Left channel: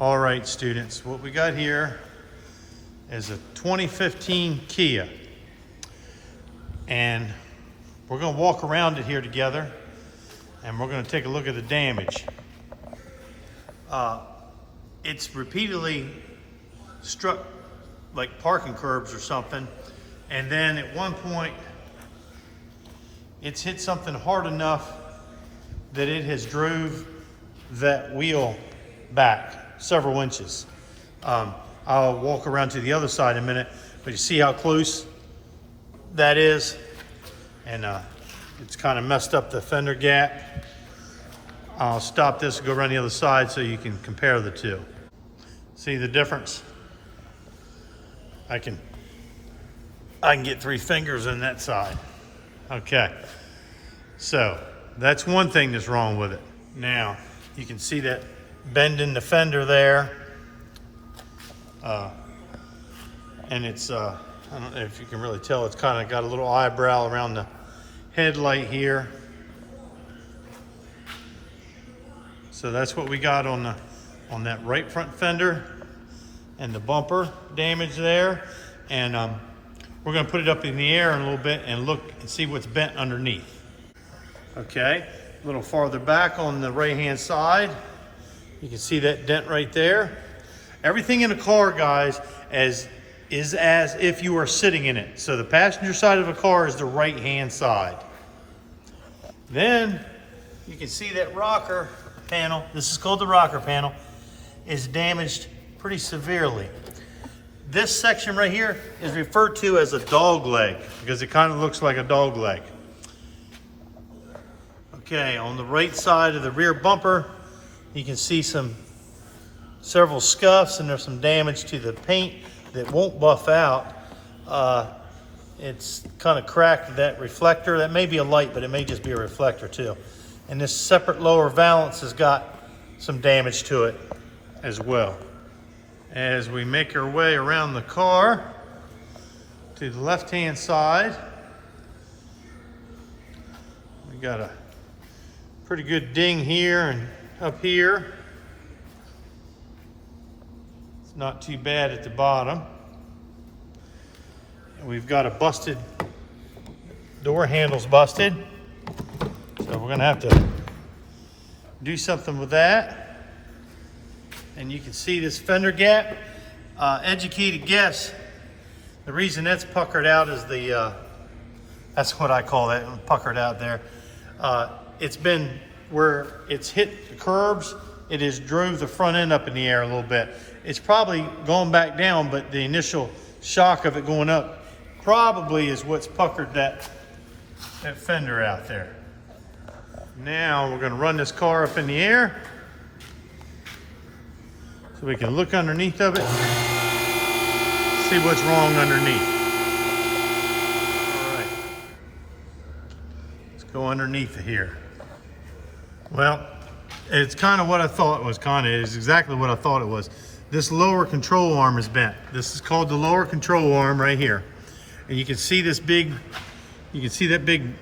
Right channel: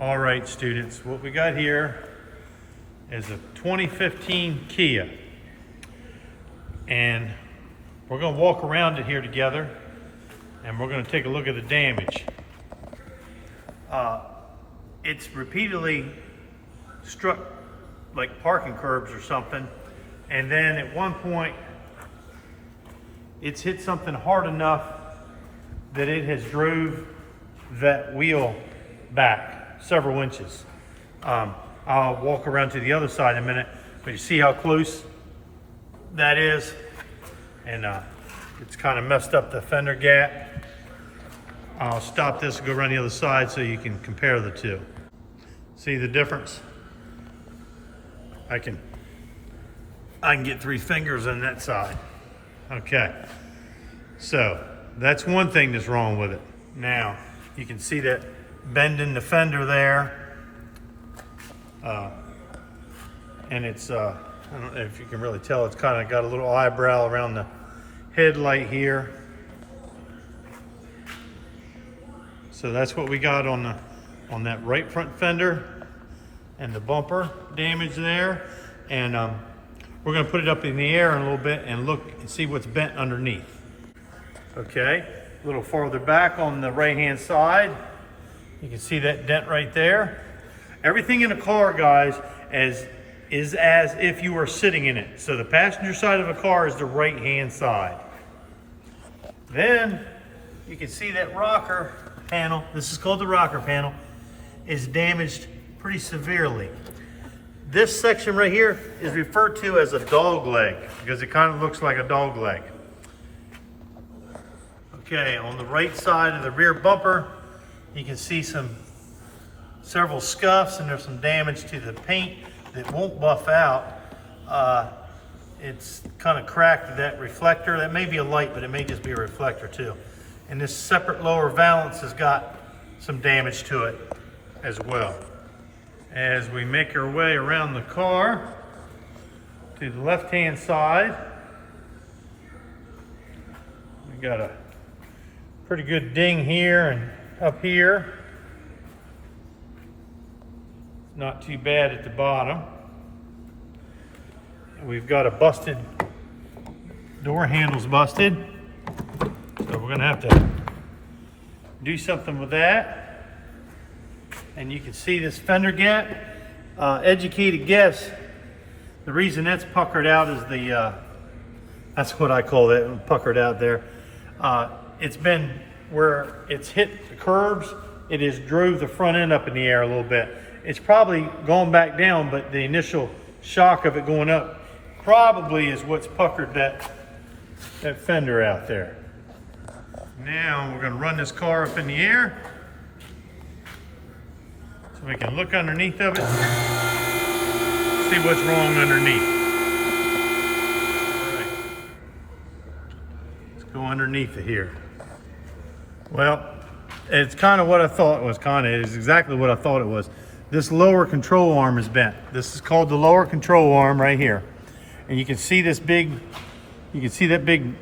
All right, students, what we got here is a 2015 Kia. And we're gonna walk around it here together and we're gonna take a look at the damage. It's repeatedly struck like parking curbs or something. And then at one point, it's hit something hard enough that it has drove that wheel back several inches. I'll walk around to the other side in a minute, but you see how close that is? And it's kind of messed up the fender gap. I'll stop this and go around the other side so you can compare the two. See the difference? I can get 3 fingers on that side. Okay, so that's one thing that's wrong with it. Now, you can see that bend in the fender there. And it's, I don't know if you can really tell, it's kind of got a little eyebrow around the headlight here. So that's what we got on that right front fender and the bumper damage there. And we're gonna put it up in the air in a little bit and look and see what's bent underneath. Okay, a little farther back on the right-hand side, you can see that dent right there. Everything in a car, guys, is as if you were sitting in it. So the passenger side of a car is the right-hand side. Then you can see that rocker panel, this is called the rocker panel, is damaged pretty severely. This section right here is referred to as a dog leg because it kind of looks like a dog leg. Okay, on the right side of the rear bumper, you can see several scuffs, and there's some damage to the paint that won't buff out. It's kind of cracked that reflector. That may be a light, but it may just be a reflector too. And this separate lower valance has got some damage to it as well. As we make our way around the car to the left-hand side, we got a pretty good ding here and up here. It's not too bad at the bottom. And we've got a busted, door handle's busted. So we're gonna have to do something with that. And you can see this fender gap. Educated guess, the reason that's puckered out is that's what I call it, puckered out there. It's been where it's hit the curbs, it has drove the front end up in the air a little bit. It's probably gone back down, but the initial shock of it going up probably is what's puckered that fender out there. Now we're gonna run this car up in the air so we can look underneath of it, see what's wrong underneath. All right. Let's go underneath it here. Well, it's kind of what I thought it was, it's exactly what I thought it was. This lower control arm is bent. This is called the lower control arm right here. And you can see this big, you can see that big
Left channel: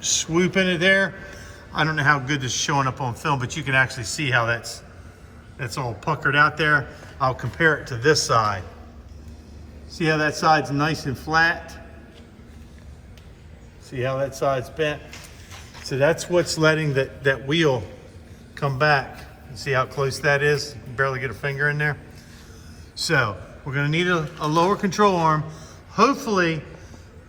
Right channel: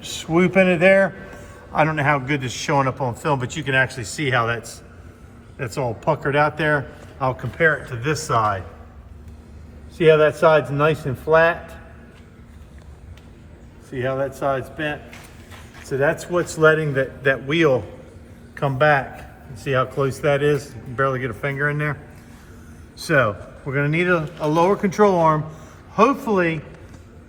swoop in it there. I don't know how good this is showing up on film, but you can actually see how that's all puckered out there. I'll compare it to this side. See how that side's nice and flat? See how that side's bent? So that's what's letting that wheel come back. You see how close that is? You can barely get a finger in there. So we're gonna need a lower control arm. Hopefully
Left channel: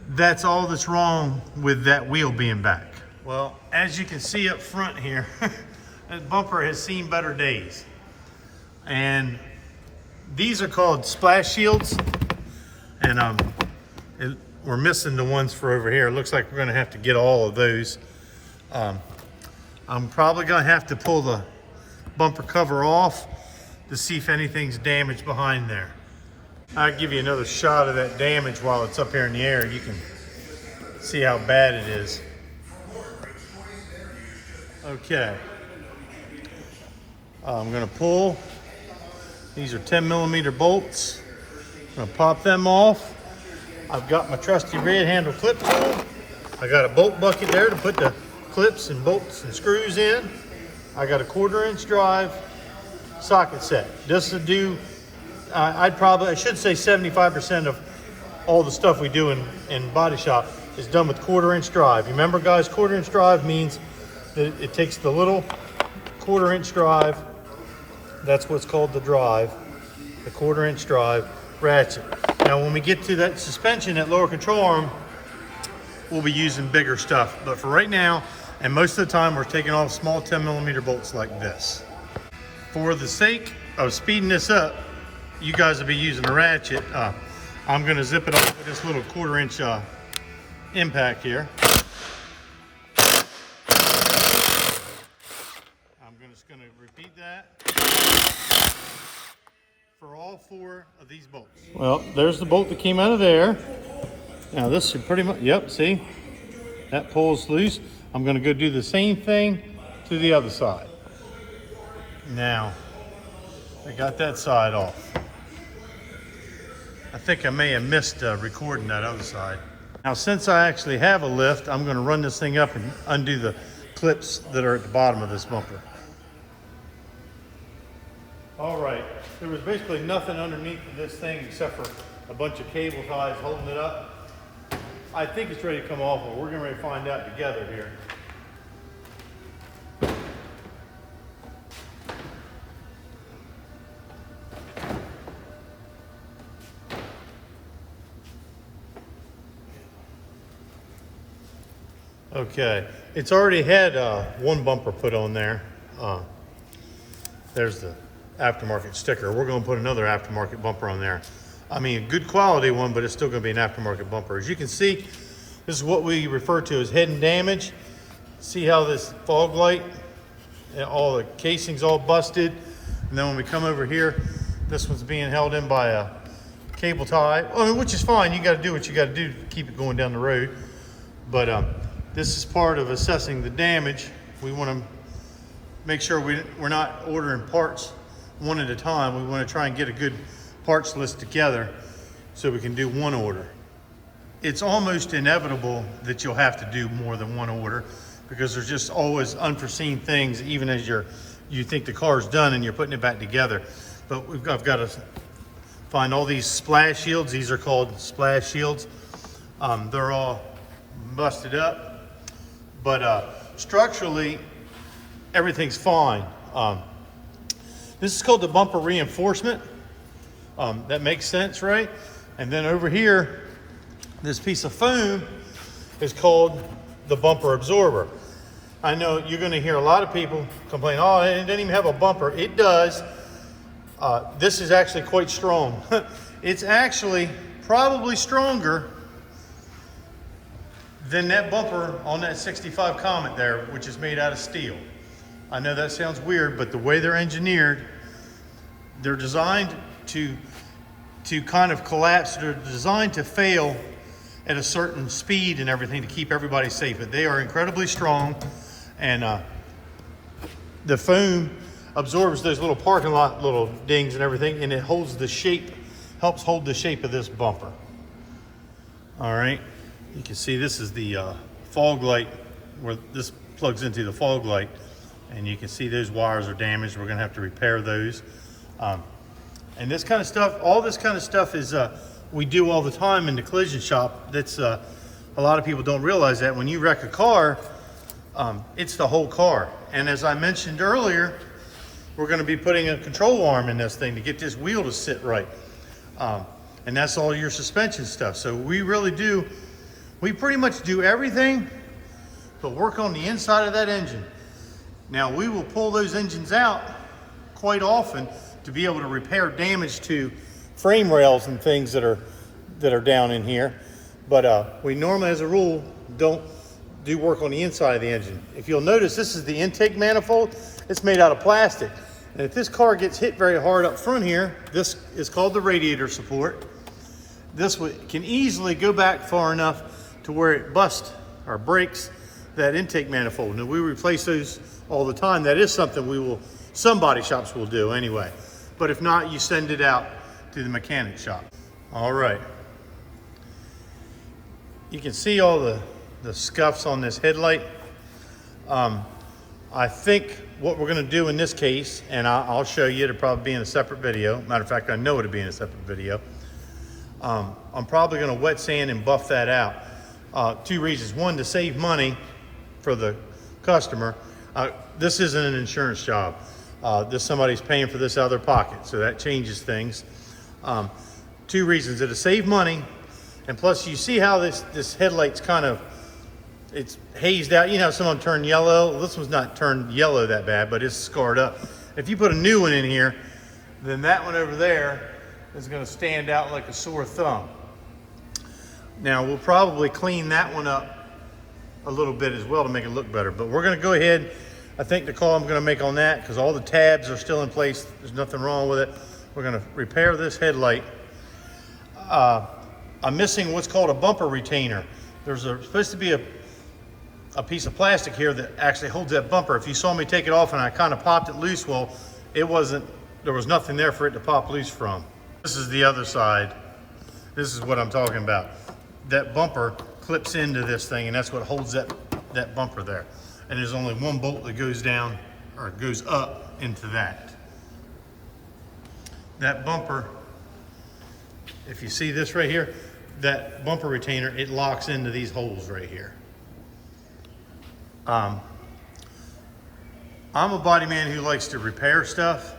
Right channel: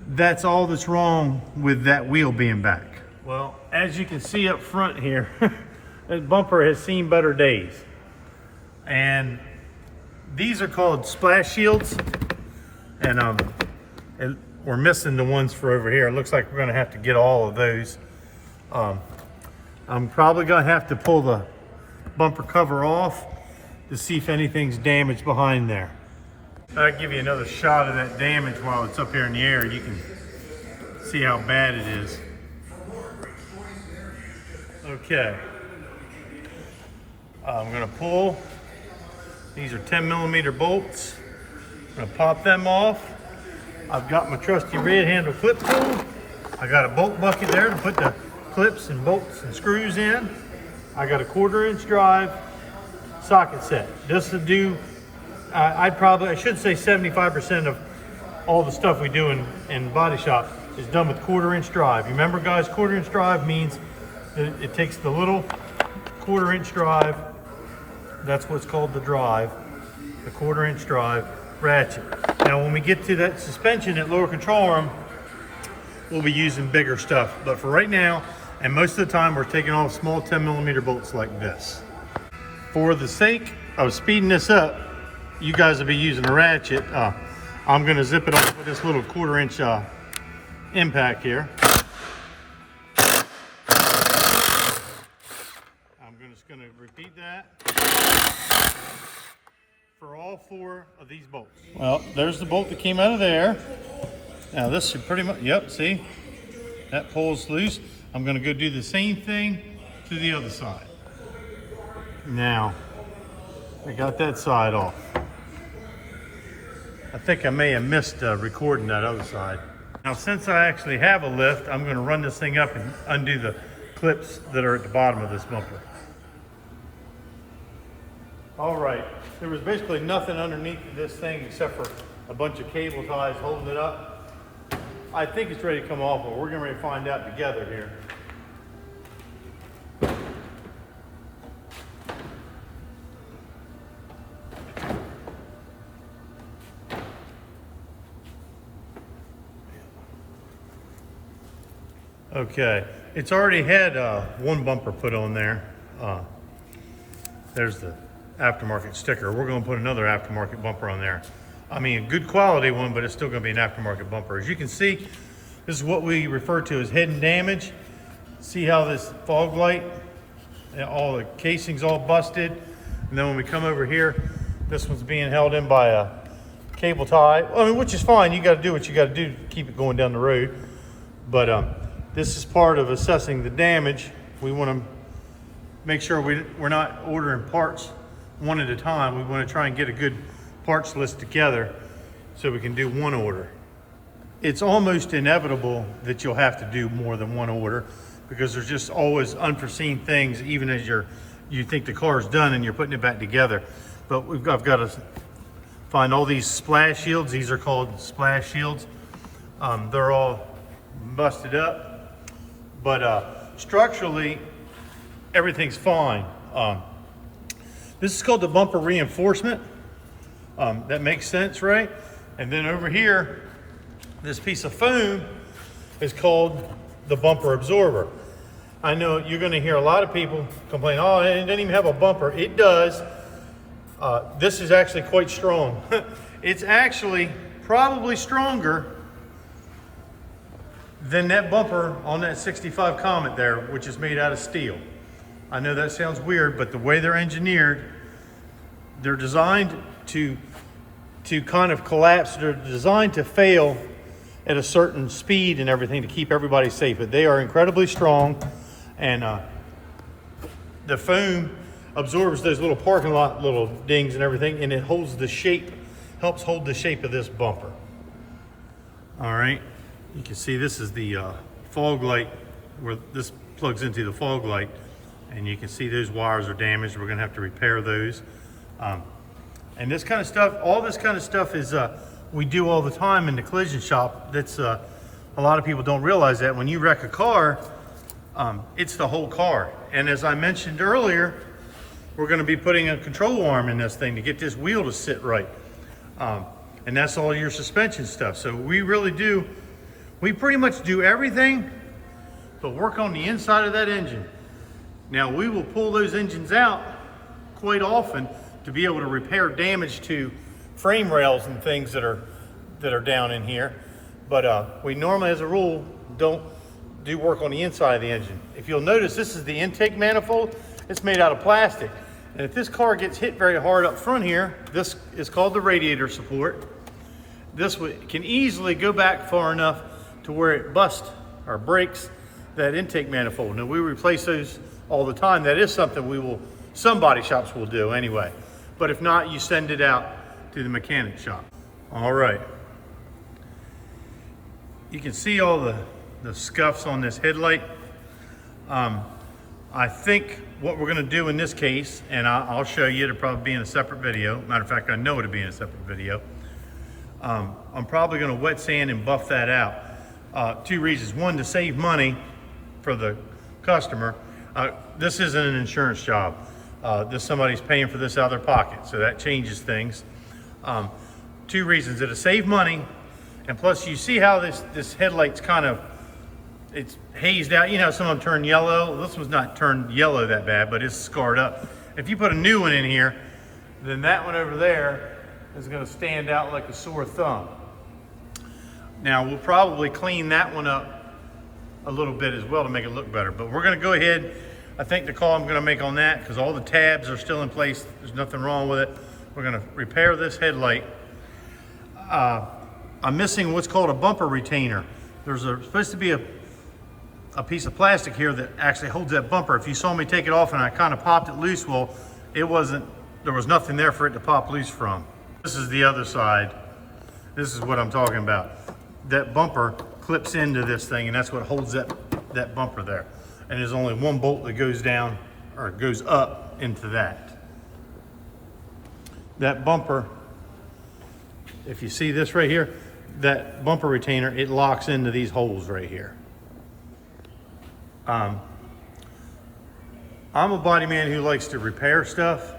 that's all that's wrong with that wheel being back. Well, as you can see up front here, that bumper has seen better days. And these are called splash shields. And we're missing the ones for over here. It looks like we're gonna have to get all of those. I'm probably gonna have to pull the bumper cover off to see if anything's damaged behind there. I'll give you another shot of that damage while it's up here in the air. You can see how bad it is. Okay. I'm gonna pull. These are 10mm bolts. I'm gonna pop them off. I've got my trusty red handle clip. I got a bolt bucket there to put the clips and bolts and screws in. I got a 1/4 inch drive, socket set. Just to do, I should say 75% of all the stuff we do in body shop is done with 1/4-inch drive. You remember, guys, 1/4-inch drive means that it takes the little 1/4-inch drive, that's what's called the drive, the 1/4-inch drive ratchet. Now when we get to that suspension, that lower control arm, we'll be using bigger stuff. But for right now, and most of the time, we're taking off small 10mm bolts like this. For the sake of speeding this up, you guys will be using a ratchet. I'm gonna zip it off with this little 1/4-inch impact here. I'm just gonna repeat that for all 4 of these bolts. Well, there's the bolt that came out of there. Now this should pretty much, yep, see? That pulls loose. I'm gonna go do the same thing to the other side. Now, I got that side off. I think I may have missed recording that other side. Now, since I actually have a lift, I'm gonna run this thing up and undo the clips that are at the bottom of this bumper. All right, there was basically nothing underneath this thing except for a bunch of cable ties holding it up. I think it's ready to come off, but we're getting ready to find out together here. Okay, it's already had one bumper put on there. There's the aftermarket sticker. We're going to put another aftermarket bumper on there. I mean, a good quality one, but it's still going to be an aftermarket bumper. As you can see, this is what we refer to as hidden damage. See how this fog light, all the casing's all busted. And then when we come over here, this one's being held in by a cable tie. I mean, which is fine. You got to do what you got to do to keep it going down the road. But this is part of assessing the damage. We want to make sure we're not ordering parts one at a time. We want to try and get a good parts list together so we can do one order. It's almost inevitable that you'll have to do more than one order because there's just always unforeseen things, even as you think the car's done and you're putting it back together. But I've got to find all these splash shields. These are called splash shields. They're all busted up, but structurally everything's fine. This is called the bumper reinforcement. That makes sense, right? And then over here, this piece of foam is called the bumper absorber. I know you're going to hear a lot of people complain, oh, it didn't even have a bumper. It does. This is actually quite strong. It's actually probably stronger than that bumper on that 65 Comet there, which is made out of steel. I know that sounds weird, but the way they're engineered, they're designed to kind of collapse. They're designed to fail at a certain speed and everything to keep everybody safe. But they are incredibly strong, and the foam absorbs those little parking lot little dings and everything, and it holds the shape, helps hold the shape of this bumper. All right, you can see this is the fog light where this plugs into the fog light, and you can see those wires are damaged. We're gonna have to repair those. And this kind of stuff, all this kind of stuff is we do all the time in the collision shop. That's a lot of people don't realize that when you wreck a car, it's the whole car. And as I mentioned earlier, we're going to be putting a control arm in this thing to get this wheel to sit right. And that's all your suspension stuff. So we pretty much do everything but work on the inside of that engine. Now we will pull those engines out quite often to be able to repair damage to frame rails and things that are down in here. But we normally, as a rule, don't do work on the inside of the engine. If you'll notice, this is the intake manifold. It's made out of plastic. And if this car gets hit very hard up front here, this is called the radiator support. This can easily go back far enough to where it busts or breaks that intake manifold. Now we replace those all the time. That is something some body shops will do anyway. But if not, you send it out to the mechanic shop. All right. You can see all the scuffs on this headlight. I I think what we're gonna do in this case, and I'll show you, it'll probably be in a separate video. Matter of fact, I know it'll be in a separate video. I'm probably gonna wet sand and buff that out. Two reasons. One, to save money for the customer. This isn't an insurance job. Somebody's paying for this out of their pocket, so that changes things. Two reasons. It'll save money, and plus you see how this headlight's kind of, it's hazed out. You know, some of them turn yellow. Well, this one's not turned yellow that bad, but it's scarred up. If you put a new one in here, then that one over there is gonna stand out like a sore thumb. Now, we'll probably clean that one up a little bit as well to make it look better, but we're gonna go ahead. I think the call I'm gonna make on that, because all the tabs are still in place, there's nothing wrong with it. We're gonna repair this headlight. I'm missing what's called a bumper retainer. There's supposed to be a piece of plastic here that actually holds that bumper. If you saw me take it off and I kind of popped it loose, well, there was nothing there for it to pop loose from. This is the other side. This is what I'm talking about. That bumper clips into this thing, and that's what holds that bumper there. And there's only one bolt that goes down, or goes up into that. That bumper, if you see this right here, that bumper retainer, it locks into these holes right here. I'm a body man who likes to repair stuff,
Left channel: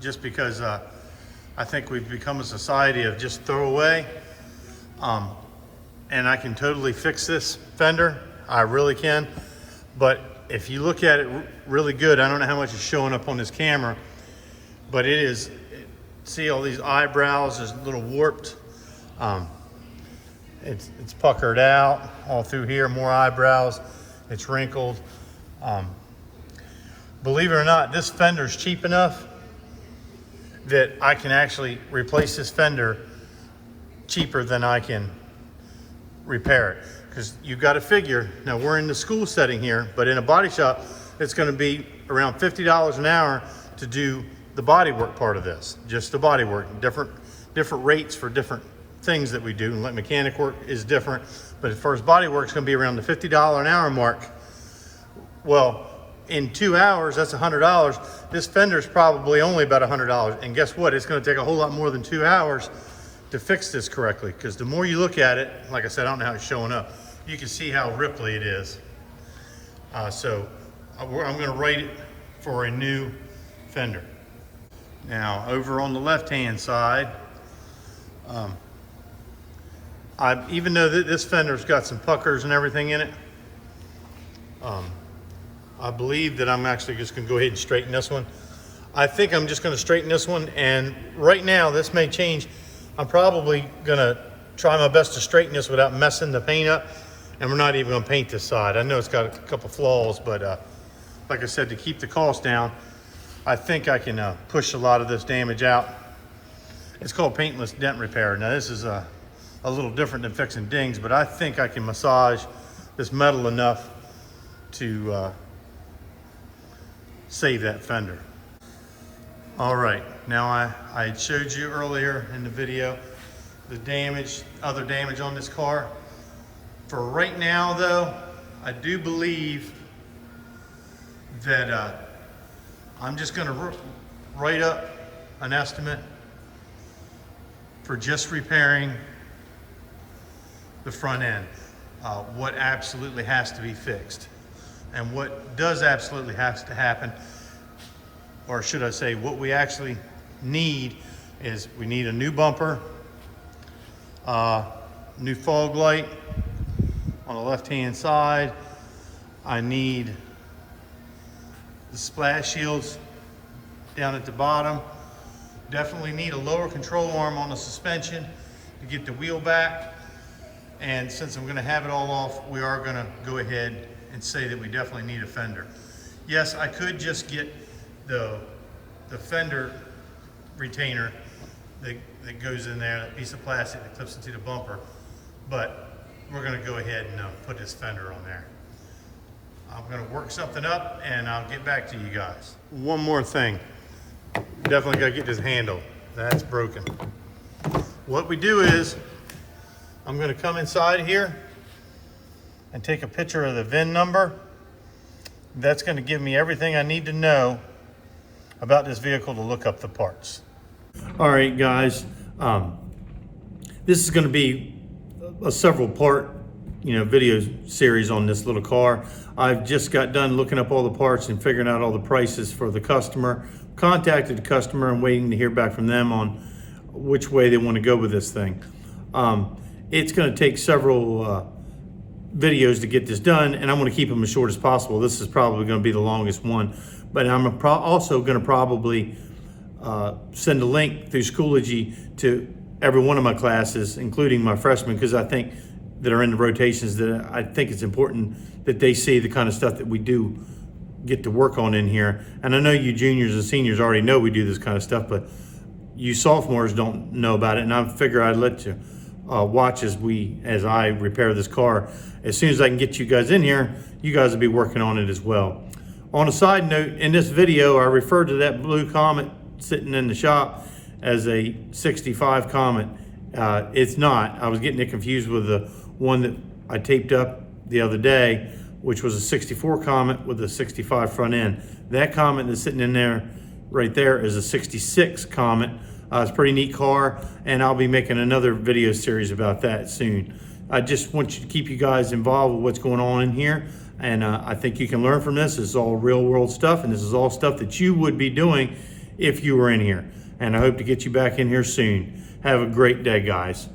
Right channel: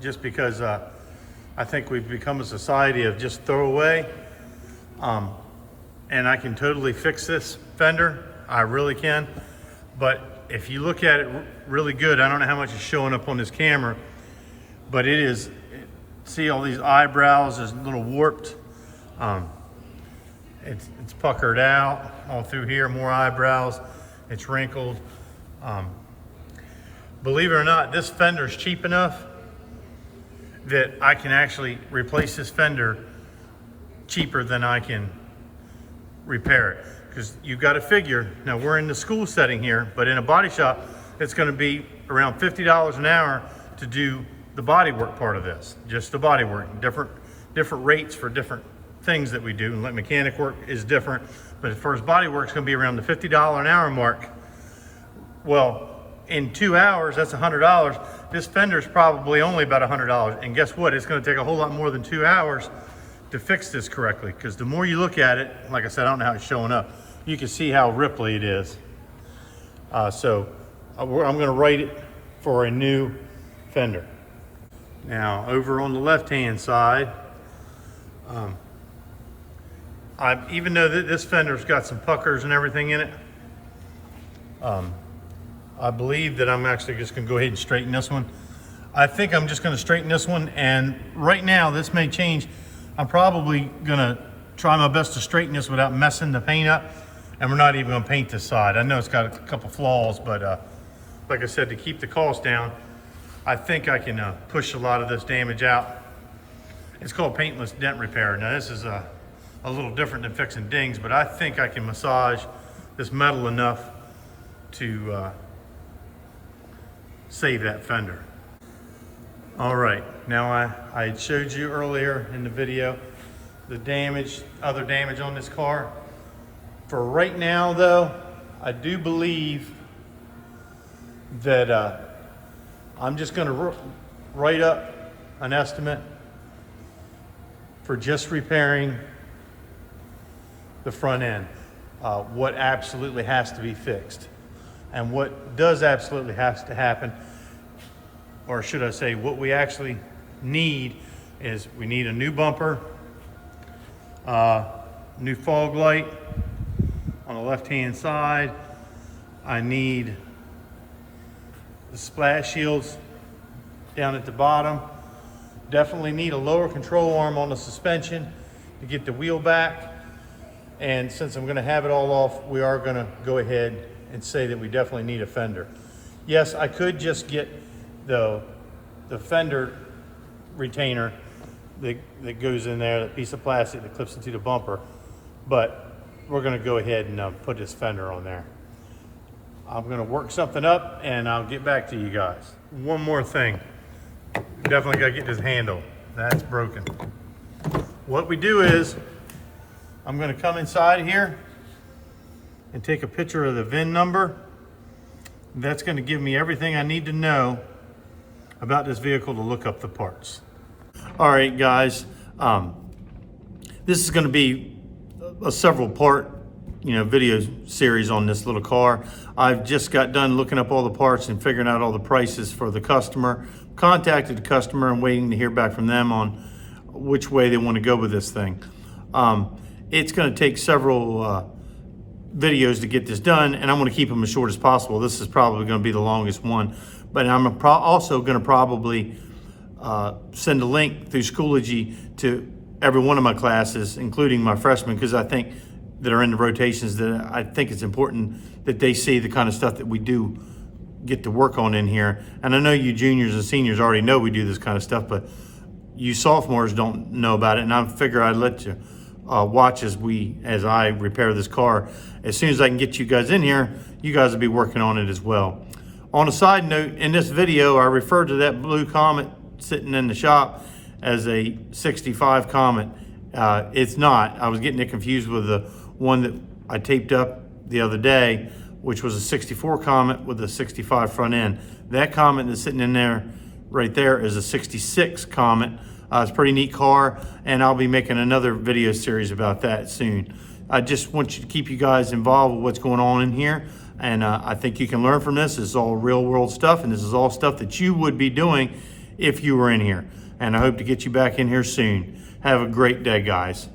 just because I think we've become a society of just throw away. And I can totally fix this fender, I really can. But if you look at it really good, I don't know how much is showing up on this camera, but it is, see all these eyebrows is a little warped. It's puckered out all through here, more eyebrows. It's wrinkled. Believe it or not, this fender's cheap enough that I can actually replace this fender cheaper than I can repair it. Because you've got to figure, now we're in the school setting here, but in a body shop, it's going to be around $50 an hour to do the body work part of this. Just the body work, different rates for different things that we do. And like mechanic work is different, but as far as body work, it's going to be around the $50 an hour mark. Well, in 2 hours, that's $100. This fender's probably only about $100. And guess what? It's going to take a whole lot more than 2 hours to fix this correctly. Because the more you look at it, like I said, I don't know how it's showing up. You can see how ripply it is. So I'm going to write it for a new fender. Now, over on the left-hand side, even though this fender's got some puckers and everything in it, I believe that I'm actually just gonna go ahead and straighten this one. I think I'm just gonna straighten this one, and right now, this may change. I'm probably gonna try my best to straighten this without messing the paint up, and we're not even gonna paint this side. I know it's got a couple flaws, but like I said, to keep the cost down, I think I can push a lot of this damage out. It's called paintless dent repair. Now this is a little different than fixing dings, but I think I can massage this metal enough to save that fender. All right, now I showed you earlier in the video the damage, other damage on this car. For right now though, I do believe that I'm just gonna write up an estimate for just repairing the front end, what absolutely has to be fixed. And what does absolutely has to happen, or should I say what we actually need, is we need a new bumper, new fog light on the left-hand side. I need the splash shields down at the bottom. Definitely need a lower control arm on the suspension to get the wheel back. And since I'm gonna have it all off, we are gonna go ahead and say that we definitely need a fender. Yes, I could just get the fender retainer that goes in there, that piece of plastic that clips into the bumper, but we're gonna go ahead and put this fender on there. I'm gonna work something up and I'll get back to you guys. One more thing, definitely gotta get this handle. That's broken. What we do is, I'm gonna come inside here and take a picture of the VIN number that's going to give me everything I need to know about this vehicle to look up the parts. All right, guys, this is going to be a several part, video series on this little car. I've just got done looking up all the parts and figuring out all the prices for the customer. Contacted the customer and waiting to hear back from them on which way they want to go with this thing. It's going to take several videos to get this done, and I'm going to keep them as short as possible. This is probably going to be the longest one, but I'm also going to probably send a link through Schoology to every one of my classes, including my freshmen, because I think that are in the rotations, that I think it's important that they see the kind of stuff that we do get to work on in here. And I know you juniors and seniors already know we do this kind of stuff, but you sophomores don't know about it, and I figure I'd let you watch as I repair this car. As soon as I can get you guys in here, you guys will be working on it as well. On a side note, in this video, I referred to that blue Comet sitting in the shop as a 65 Comet. It's not. I was getting it confused with the one that I taped up the other day, which was a 64 Comet with a 65 front end. That Comet that's sitting in there right there is a 66 Comet. It's a pretty neat car, and I'll be making another video series about that soon. I just want to keep you guys involved with what's going on in here, and I think you can learn from this. This is all real world stuff, and this is all stuff that you would be doing if you were in here. And I hope to get you back in here soon. Have a great day, guys.